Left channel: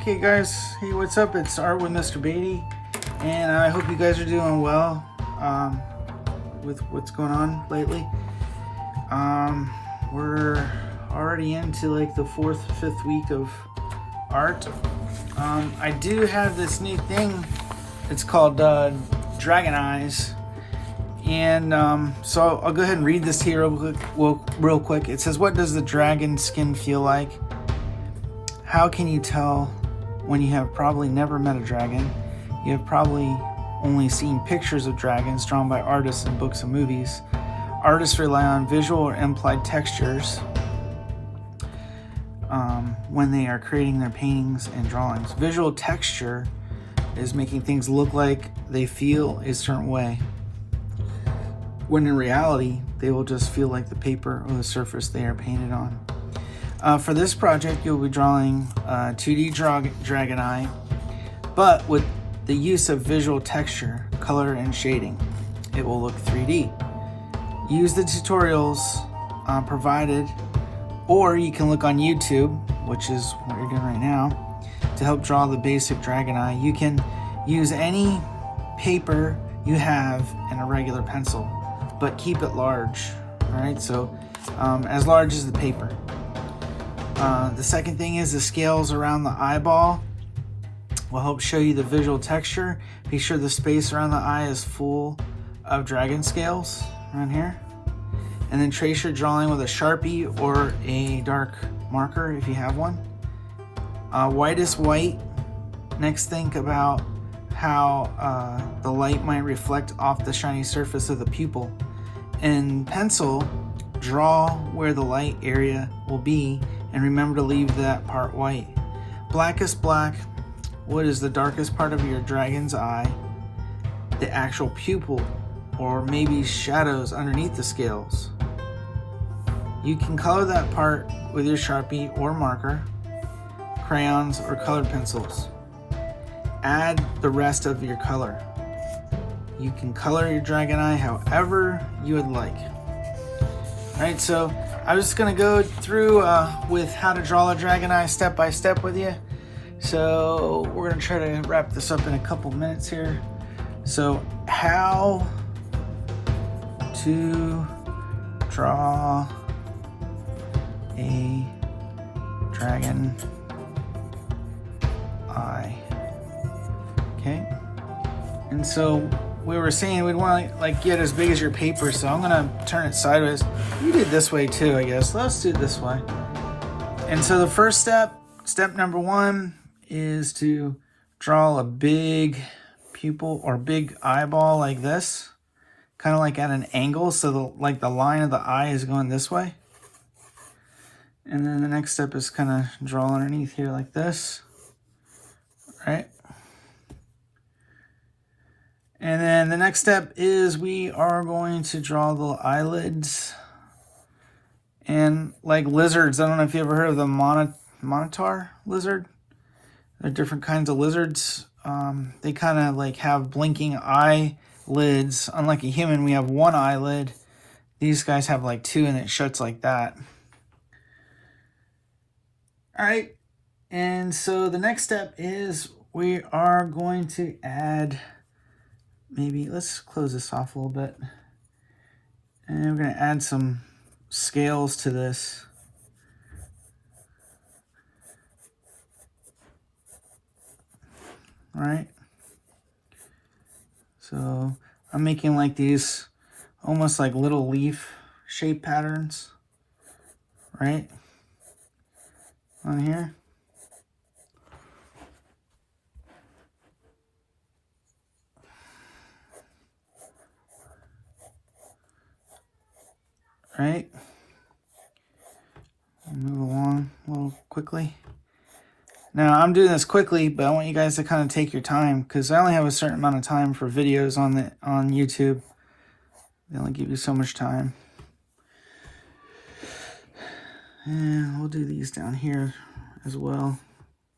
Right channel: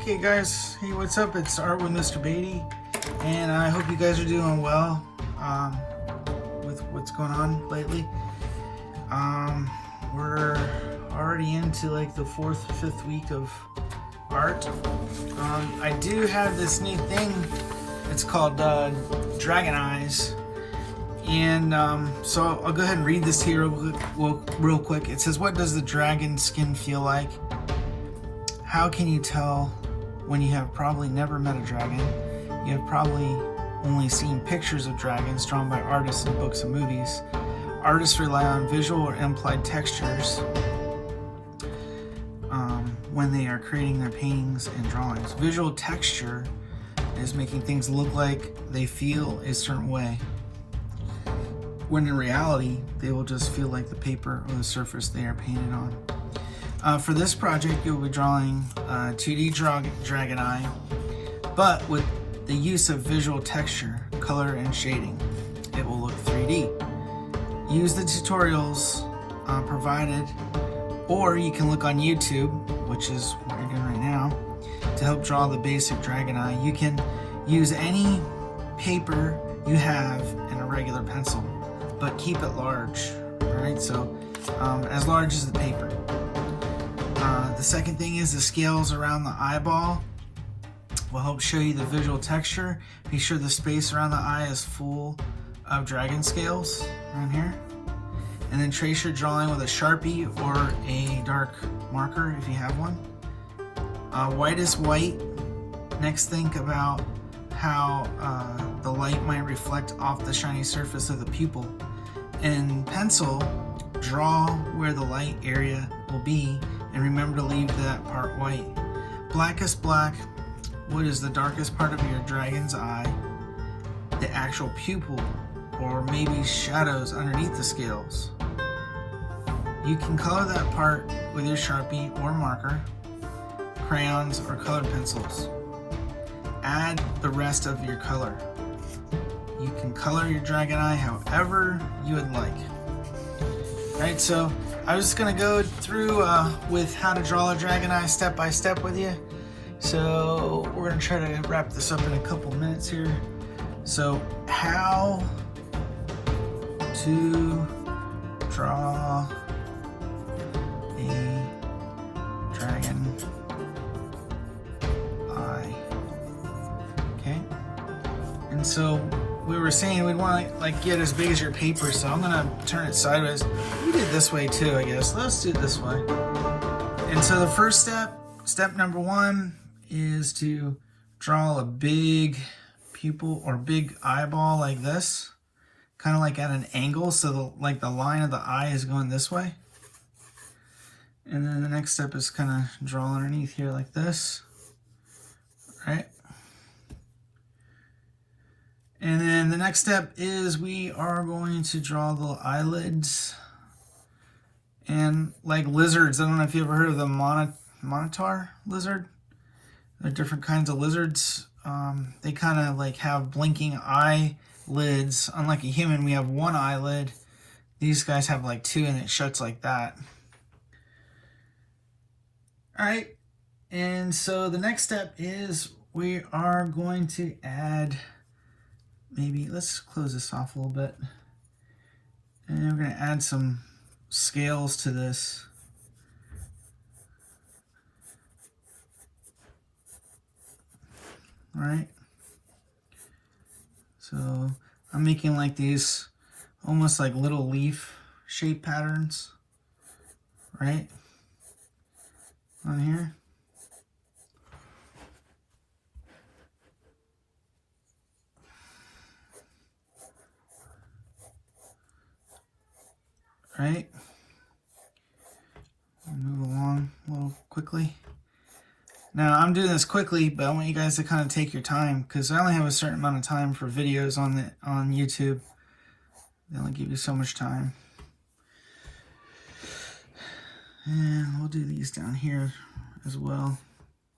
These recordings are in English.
Okay guys, hey, what's up? It's Art with Mr. Beatty, and I hope you guys are doing well with what's going on lately. We're already into like the 4th, 5th week of art. I do have this new thing. It's called Dragon Eyes, and so I'll go ahead and read this here real quick. It says, "What does the dragon skin feel like? How can you tell when you have probably never met a dragon? You have probably only seen pictures of dragons drawn by artists in books and movies. Artists rely on visual or implied textures when they are creating their paintings and drawings. Visual texture is making things look like they feel a certain way, when in reality, they will just feel like the paper or the surface they are painted on." For this project, you'll be drawing a 2D dragon eye, but with the use of visual texture, color, and shading. It will look 3D. Use the tutorials provided, or you can look on YouTube, which is what you're doing right now, to help draw the basic dragon eye. You can use any paper you have and a regular pencil, but keep it large, right? So as large as the paper. The second thing is the scales around the eyeball will help show you the visual texture. Be sure the space around the eye is full of dragon scales around here. And then trace your drawing with a Sharpie or a dark marker if you have one. White is white. Next, think about how the light might reflect off the shiny surface of the pupil. In pencil, draw where the light area will be, and remember to leave that part white. Black is black. What is the darkest part of your dragon's eye? The actual pupil, or maybe shadows underneath the scales. You can color that part with your Sharpie or marker, crayons, or colored pencils. Add the rest of your color. You can color your dragon eye however you would like. Right, so I'm just gonna go through with how to draw a dragon eye step by step with you. So we're gonna try to wrap this up in a couple minutes here. So how to draw a dragon eye. Okay, and so we were saying we'd want to like get as big as your paper, so I'm gonna turn it sideways. We did this way too, I guess. Let's do it this way. And so the first step number 1, is to draw a big pupil or big eyeball like this, kind of like at an angle, so the line of the eye is going this way. And then the next step is kind of draw underneath here like this, right? And then the next step is we are going to draw the eyelids. And like lizards, I don't know if you ever heard of the monitor lizard. There are different kinds of lizards. They kind of like have blinking eyelids. Unlike a human, we have one eyelid. These guys have like 2, and it shuts like that. All right, and so the next step is we are going to add, maybe let's close this off a little bit, and we're going to add some scales to this. Right, so I'm making like these almost like little leaf shape patterns, right, on here. Right, move along a little quickly. Now I'm doing this quickly, but I want you guys to kind of take your time, because I only have a certain amount of time for videos on YouTube. They only give you so much time. And we'll do these down here as well,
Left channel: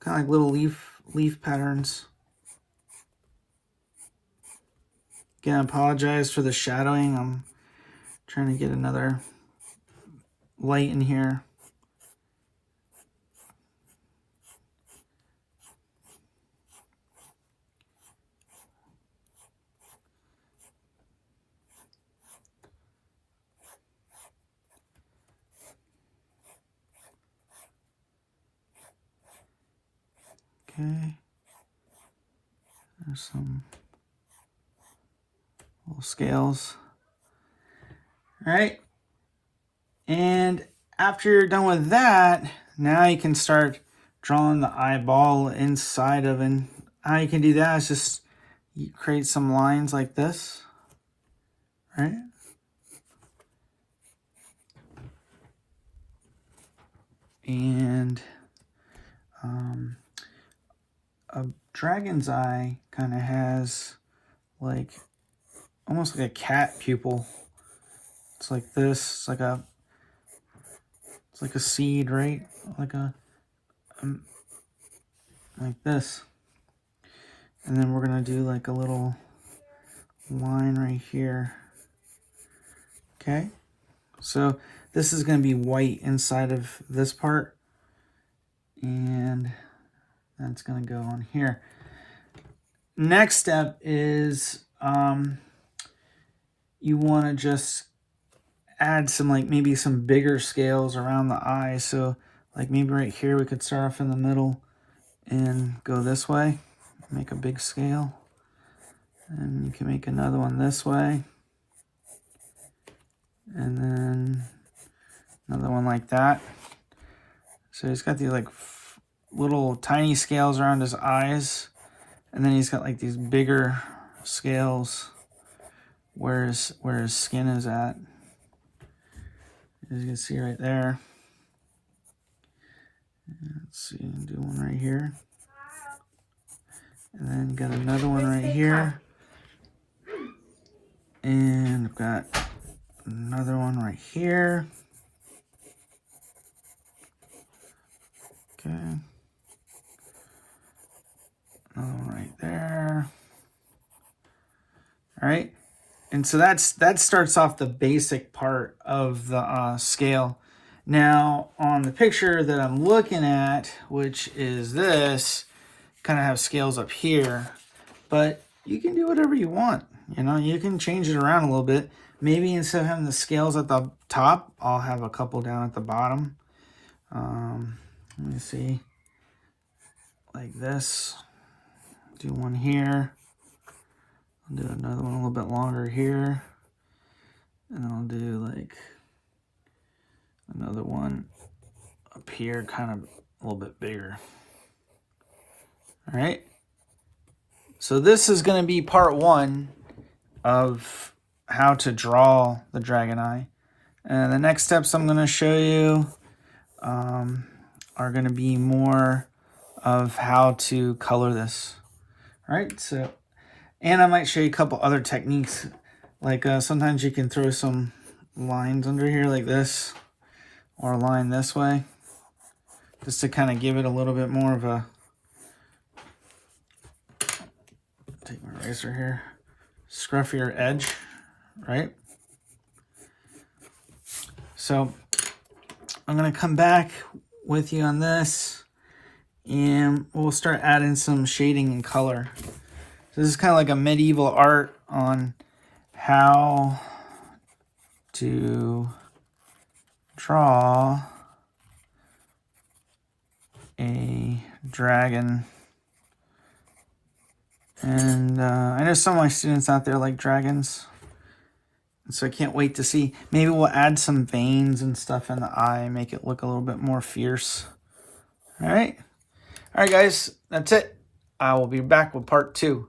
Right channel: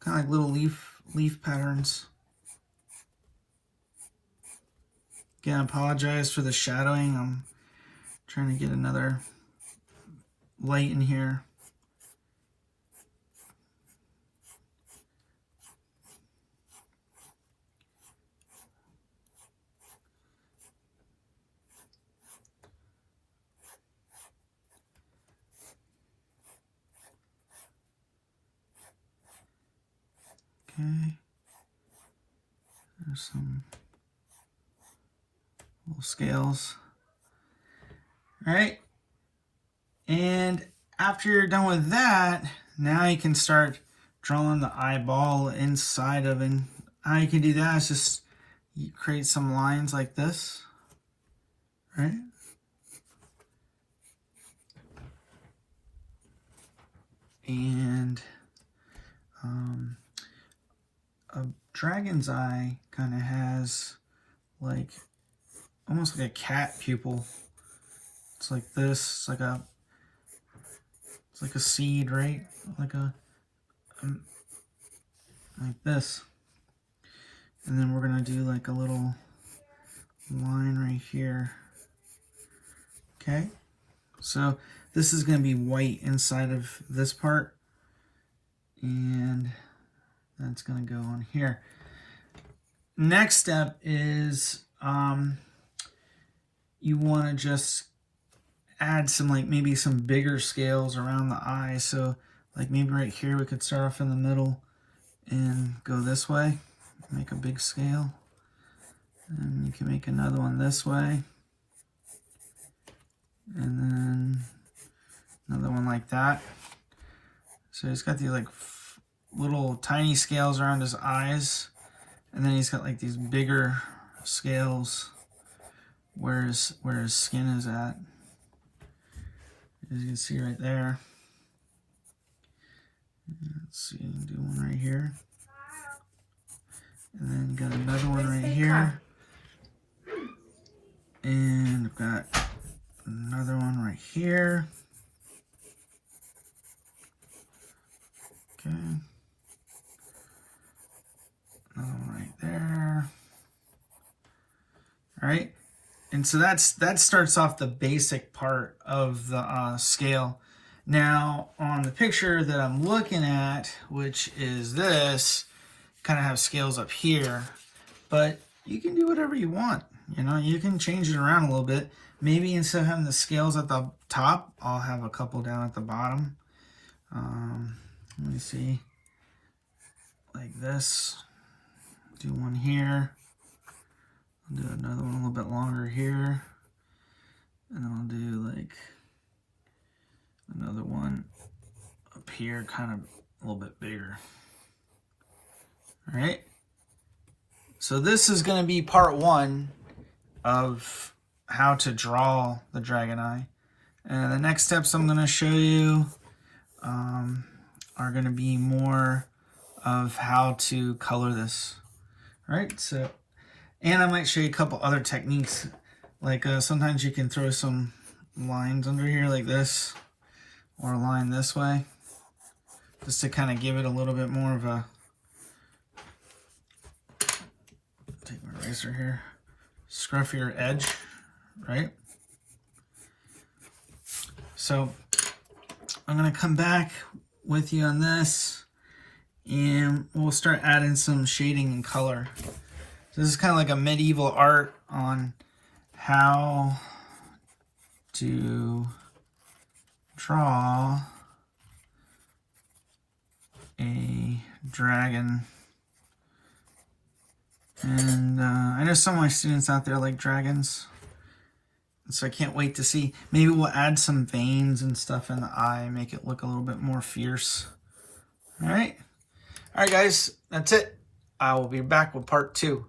kind of like little leaf patterns. Again, I apologize for the shadowing. I'm trying to get another light in here. Okay. There's some little scales. All right. And after you're done with that, now you can start drawing the eyeball inside of it. And how you can do that is just you create some lines like this, right? And a dragon's eye kind of has like almost like a cat pupil. It's like this. It's like a seed, right? Like like this. And then we're gonna do like a little line right here. Okay. So this is gonna be white inside of this part, and that's gonna go on here. Next step is you want to just add some, like maybe some bigger scales around the eye. So like maybe right here we could start off in the middle and go this way, make a big scale, and you can make another one this way, and then another one like that. So he's got these like little tiny scales around his eyes, and then he's got like these bigger scales where his skin is at, as you can see right there. Let's see, do one right here, and then got another one right here, and I've got another one right here. Okay, another one right there. All right, and so that starts off the basic part of the scale. Now on the picture that I'm looking at, which is this, kind of have scales up here, but you can do whatever you want. You know, you can change it around a little bit. Maybe instead of having the scales at the top, I'll have a couple down at the bottom. Let me see, like this. Do one here. I'll do another one a little bit longer here, and I'll do like another one up here, kind of a little bit bigger. All right. So this is going to be part 1 of how to draw the dragon eye. And the next steps I'm going to show you are going to be more of how to color this. All right. So, and I might show you a couple other techniques. Like sometimes you can throw some lines under here like this, or a line this way, just to kind of give it a little bit more of a, take my eraser here, scruffier edge, right? So I'm going to come back with you on this, and we'll start adding some shading and color. So this is kind of like a medieval art on how to draw a dragon. And I know some of my students out there like dragons, so I can't wait to see. Maybe we'll add some veins and stuff in the eye, make it look a little bit more fierce. All right, guys, that's it. I will be back with part 2.